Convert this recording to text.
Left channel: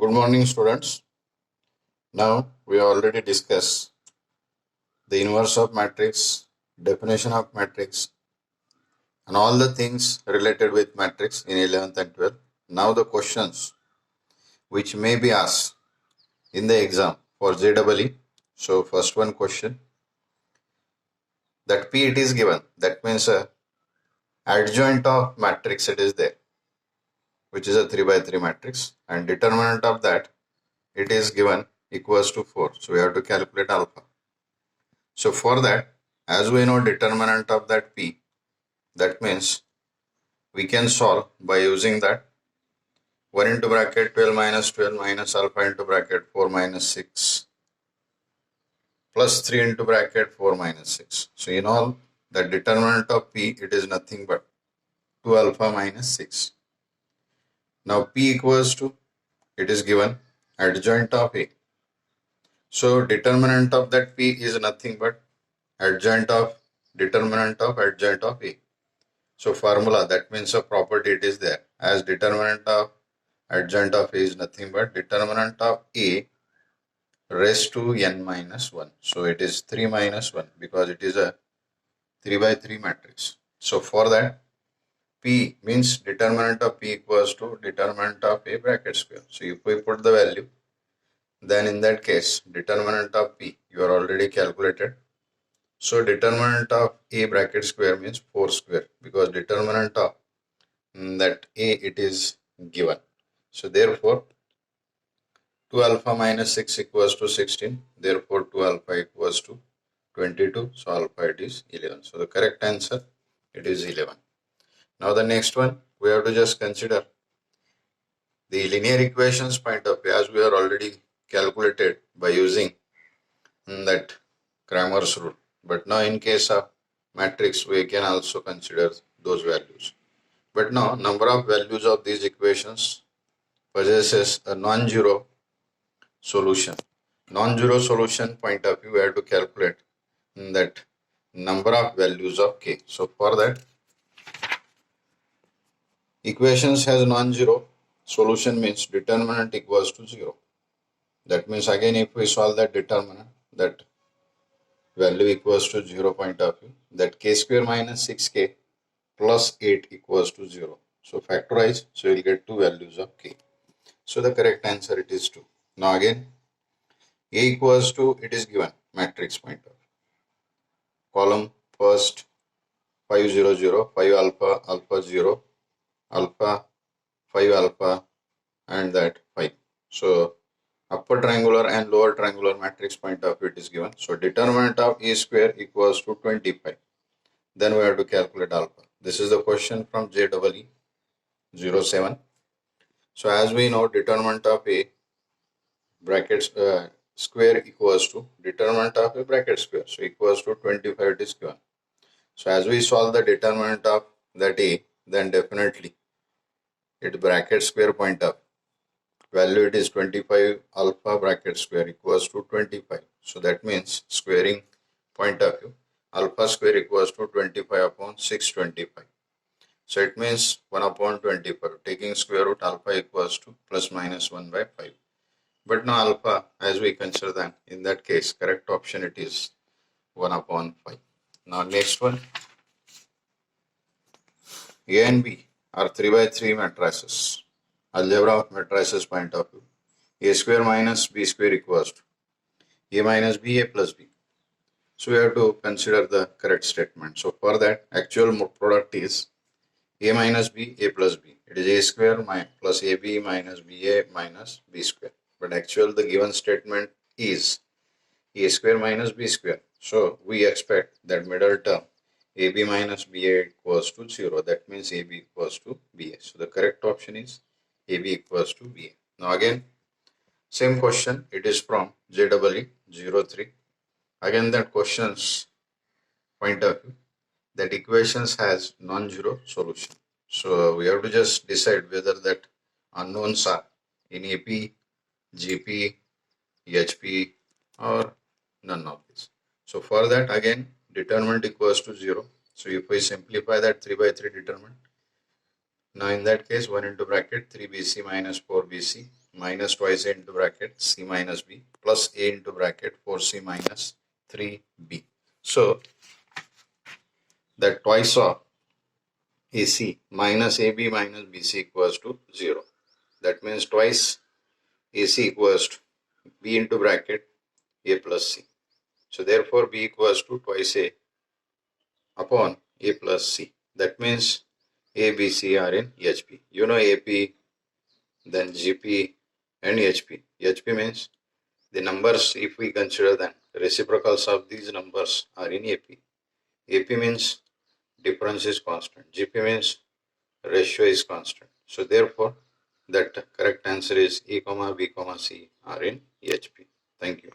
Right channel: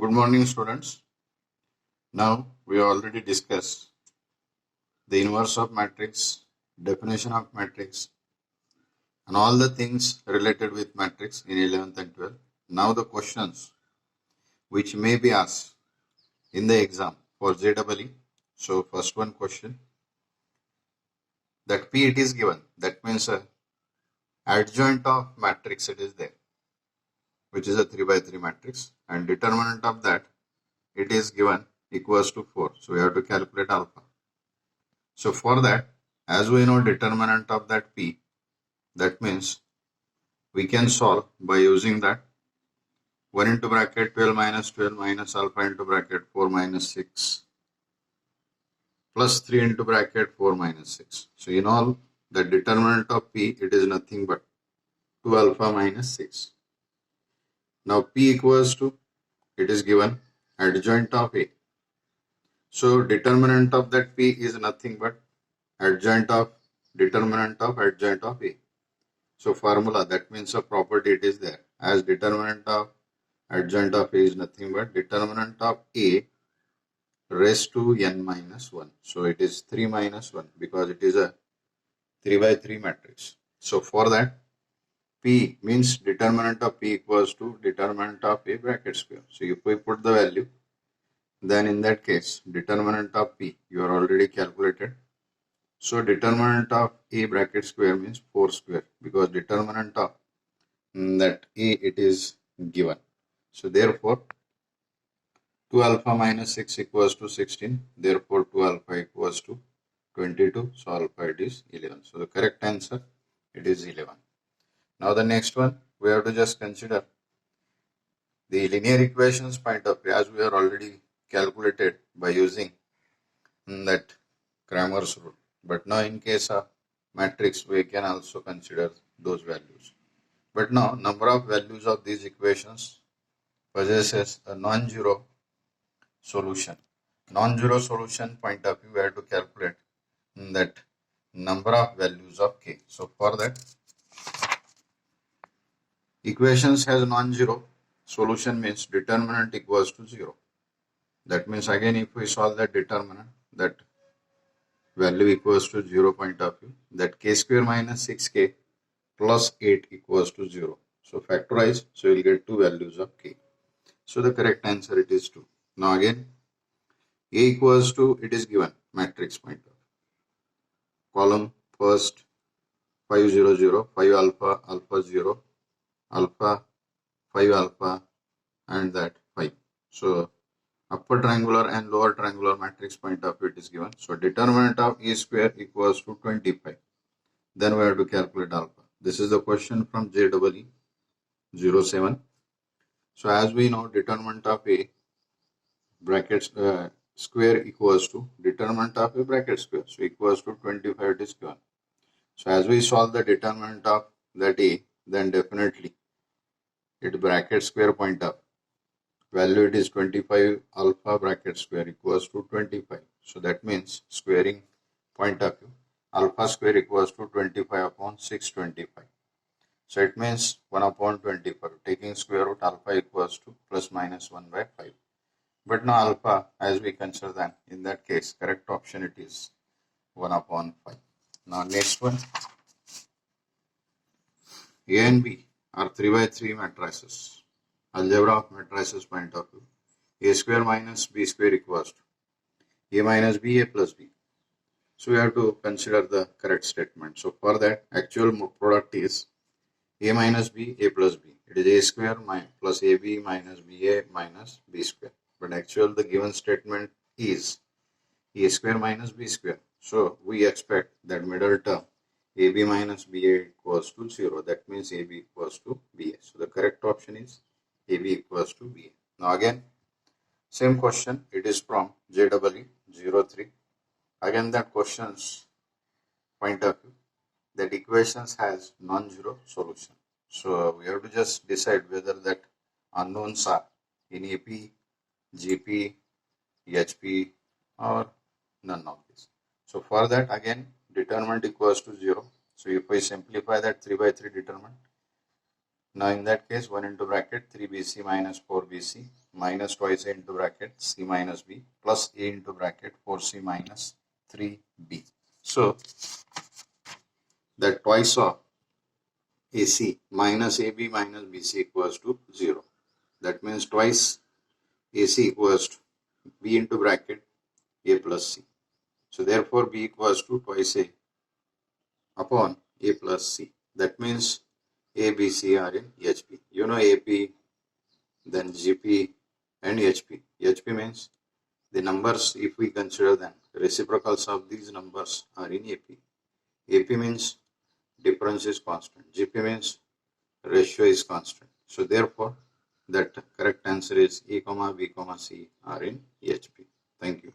Good morning, students. Now we already discussed the inverse of matrix, definition of matrix, and all the things related with matrix in 11th and 12th. Now the questions which may be asked in the exam for JEE. So first one question, that P it is given. That means adjoint of matrix it is there, which is a 3 by 3 matrix, and determinant of that it is given equals to 4. So we have to calculate alpha. So for that, as we know determinant of that P, that means we can solve by using that 1 into bracket 12 minus alpha into bracket 4 minus 6 plus 3 into bracket 4 minus 6. So in all, the determinant of P, it is nothing but 2 alpha minus 6. Now P equals to, it is given adjoint of A. So determinant of that P is nothing but adjoint of determinant of adjoint of A. So formula, that means a property it is there, as determinant of adjoint of A is nothing but determinant of A raised to n minus 1. So it is 3 minus 1 because it is a 3 by 3 matrix. So for that, P means determinant of P equals to determinant of A bracket square. So if we put the value, then in that case, determinant of P you are already calculated. So determinant of A bracket square means 4 square, because determinant of that A it is given. So therefore 2 alpha minus 6 equals to 16. Therefore 2 alpha equals to 22. So alpha it is 11. So the correct answer, it is 11. Now the next one, we have to just consider the linear equations point of view, as we are already calculated by using that Cramer's rule. But now in case of matrix, we can also consider those values. But now number of values of these equations possesses a non-zero solution. Non-zero solution point of view, we have to calculate that number of values of k. So for that, equations has non-zero solution means determinant equals to 0. That means again if we solve that determinant, that value equals to 0 point of view, that k square minus 6k plus 8 equals to 0. So factorize, so you will get two values of k. So the correct answer it is 2. Now again, A equals to, it is given matrix point of view. Column first 5 0 0, 5 alpha alpha 0, alpha 5 alpha and that 5. So upper triangular and lower triangular matrix point of view it is given. So determinant of A square equals to 25. Then we have to calculate alpha. This is the question from JEE 07. So as we know, determinant of A brackets square equals to determinant of A bracket square. So equals to 25 it is given. So as we solve the determinant of that A, then definitely it bracket square point of value it is 25 alpha bracket square equals to 25. So that means squaring point of view, alpha square equals to 25 upon 625. So it means 1 upon 25. Taking square root, alpha equals to plus minus 1 by 5. But now alpha, as we consider that, in that case, correct option it is 1 upon 5. Now next one, A and B are 3 by 3 matrices. Algebra of matrices point of view. A square minus B square equals to A minus B, A plus B. So we have to consider the correct statement. So for that, actual product is A minus B, A plus B. It is A square plus AB minus BA minus B square. But actual the given statement is A square minus B square. So we expect that middle term AB minus BA equals to 0. That means AB equals to BA. So the correct option is AB equals to BA. Now again, same question. It is from JEE 03. Again that questions point of view, that equations has non-zero solution. So we have to just decide whether that unknowns are in AP, GP, HP or none of this. So for that again, determinant equals to 0. So if we simplify that 3 by 3 determinant, now in that case 1 into bracket 3BC minus 4BC minus twice A into bracket C minus B plus A into bracket 4C minus 3B. So that twice of AC minus AB minus BC equals to 0. That means twice AC equals to B into bracket A plus C. So therefore B equals to twice A upon A plus C. That means A, B, C are in HP. You know AP, then GP and HP. HP means the numbers, if we consider them, reciprocals of these numbers are in AP. AP means difference is constant. GP means ratio is constant. So therefore, that correct answer is E, B, C are in HP. Thank you.